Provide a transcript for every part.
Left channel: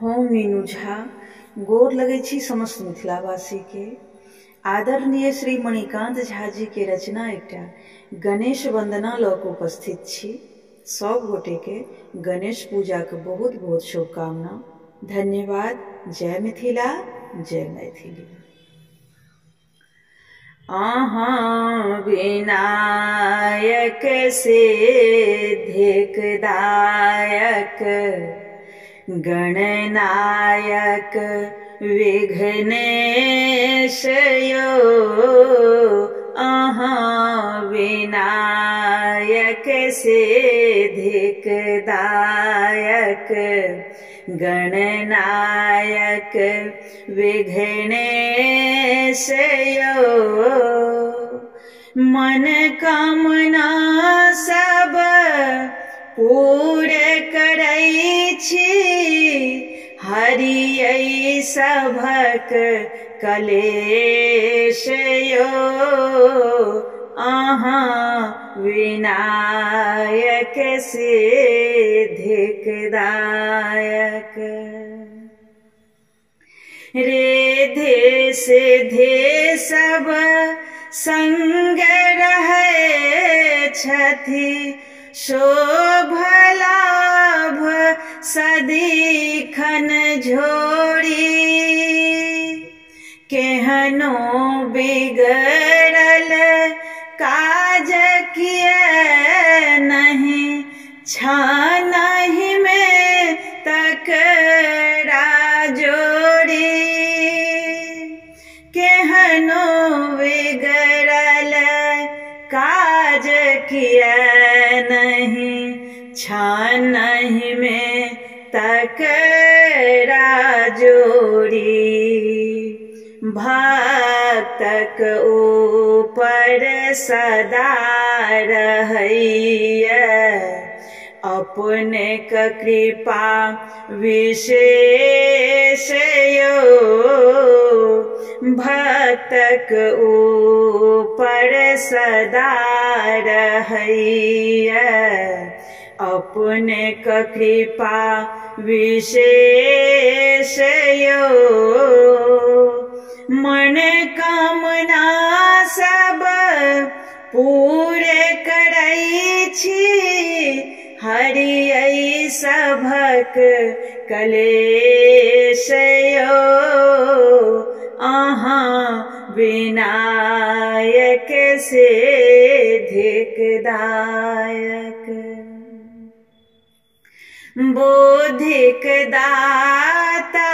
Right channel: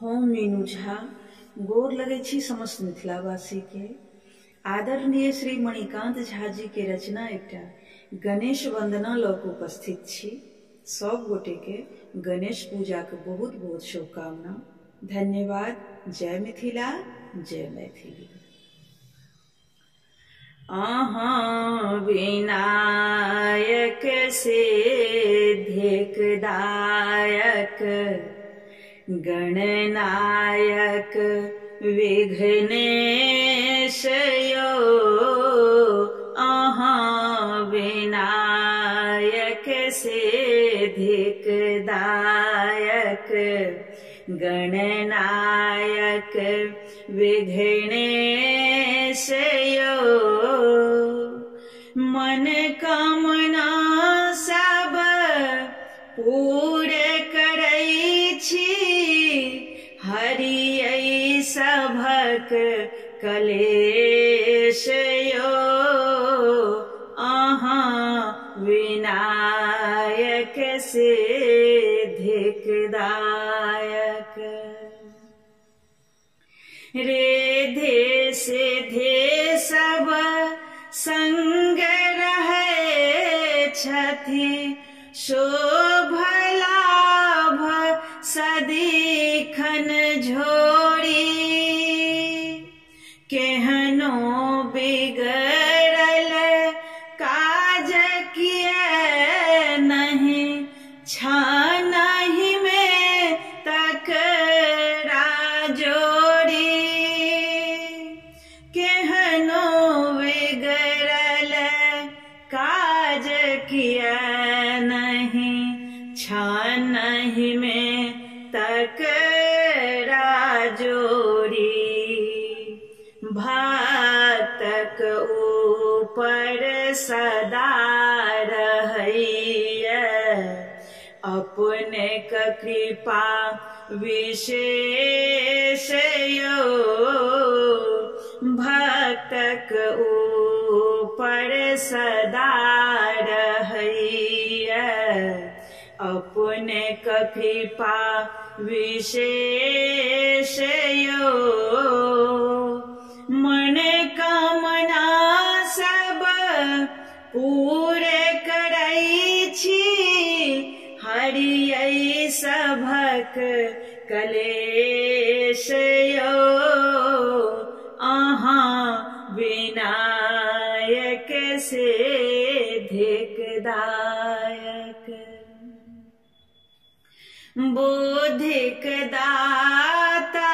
हम मीनू झा गोर लगै छी समस्त मिथिलावासी के। आदरणीय श्री मणिकांत झा जी के रचना एकटा गणेश वंदना लऽ कऽ उपस्थित छी। सब गोटे के गणेश पूजा के बहुत बहुत शुभकामना। धन्यवाद। जय मिथिला, जय मैथिली। अहाँ विनायक सिद्धिक दायक गणनायक विघ्नेश यो, अहाँ विनायक सिद्धिक दायक गणनायक विघ्नेश यो। मन कामना सब पूरे करै छी, हरियै सभक कलेश यो, अहाँ विनायक सिद्धिक दायक। रिद्धि सिद्धि सब संग रहै छथि, शोभ लाभ सदिखन झोरी। केहनो बिगड़ल काज किए नहीं, छानहि में तकरा जोड़ी। केहनो बिगड़ल काज किए नहीं, छानहि में तकरा जोड़ी। भक्तक ऊपर सदा रहैया, अपने क कृपा विशेष यो। भक्तक ऊपर सदा रहैया, अपने क कृपा विशेष यो। मन कामना सब पूरे करै छी, हरियै सभक कलेश यो, अहाँ विनायक सिद्धिक दायक। बुद्धिक दाता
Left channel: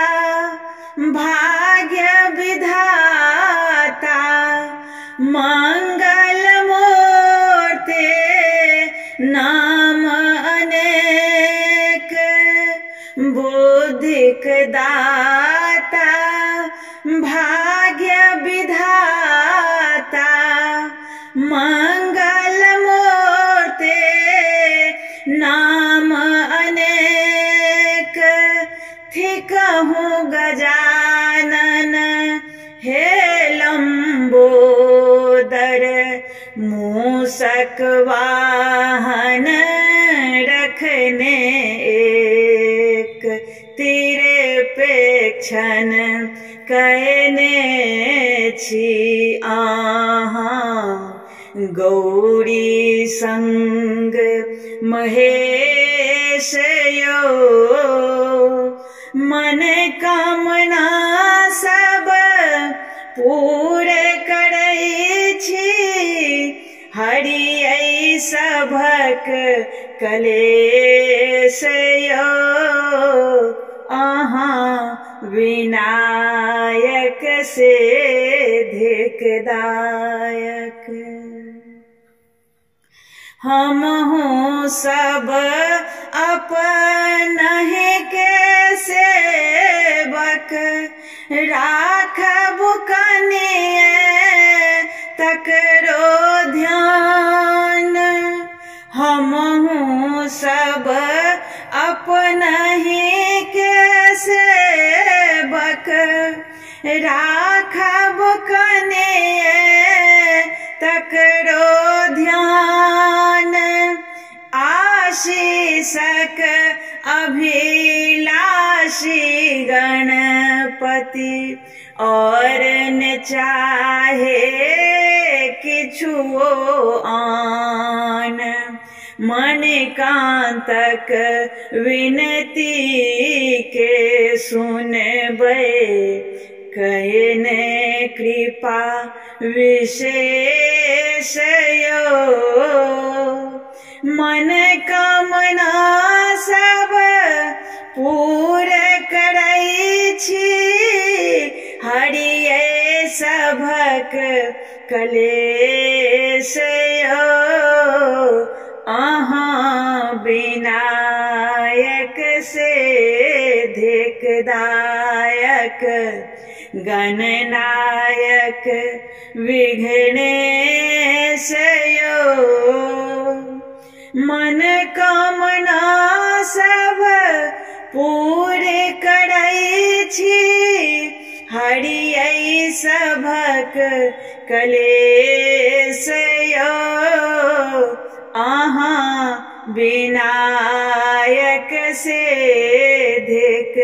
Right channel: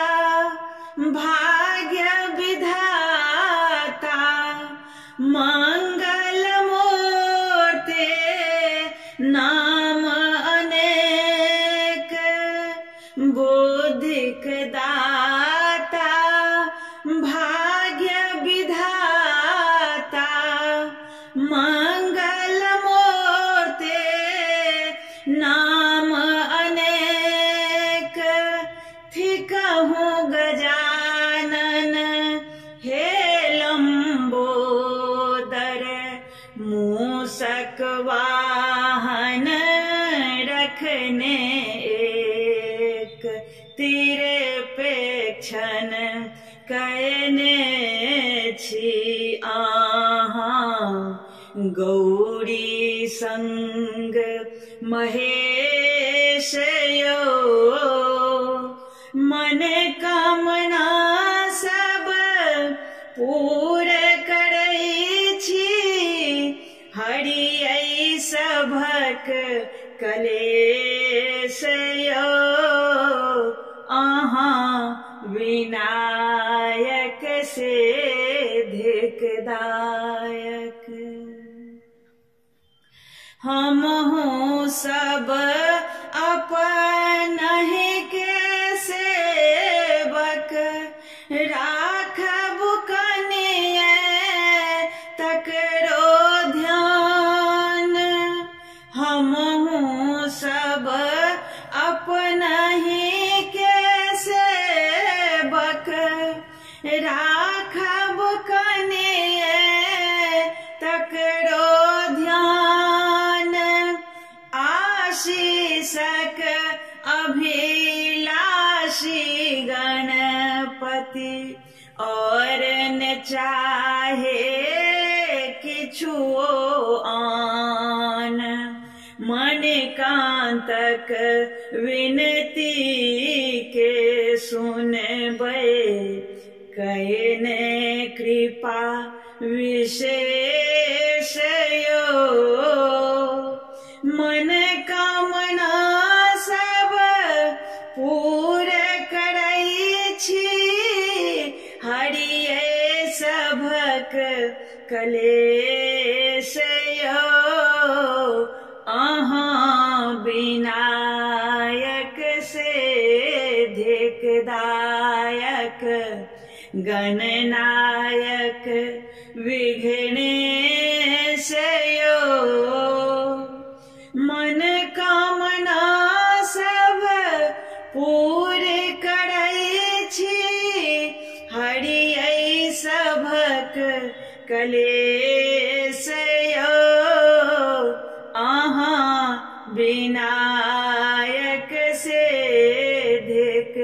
भाग्य विधाता, मंगल मूर्ति नाम अनेक। बुद्धिक दाता भाग्य विधाता, मंगल मूर्ति नाम अनेक। थिकहु गजानन हे लंबोदर, मूषक वाहन रखने एक। तिरेपेक्षण कहने छी आहाँ, गौरी संग महेश यो। मन कामना सब पूरे करै छी, हरियै सभक कलेश यो, अहाँ विनायक सिद्धिक दायक। हमहु सब अपनहि के सेवक, राखब कनिये तकरो ध्यान। हमहु सब अपनहि के सेवक, राखब कनिये तकरो ध्यान। आशीषक अभिलाषी भक्ति और न चाहे किछुओ आन। मणिकान्तक विनती के सुनबै कयने कृपा विशेष यो। मन कामना सब पूरे करै छी हरिये सभक कलेश यो। अहाँ विनायक सिद्धिदायक गणनायक विघ्नेश यो। मन कामना सब पूरे करै छी हरियै सभक कलेश यो। अहाँ विनायक सिद्धिदायक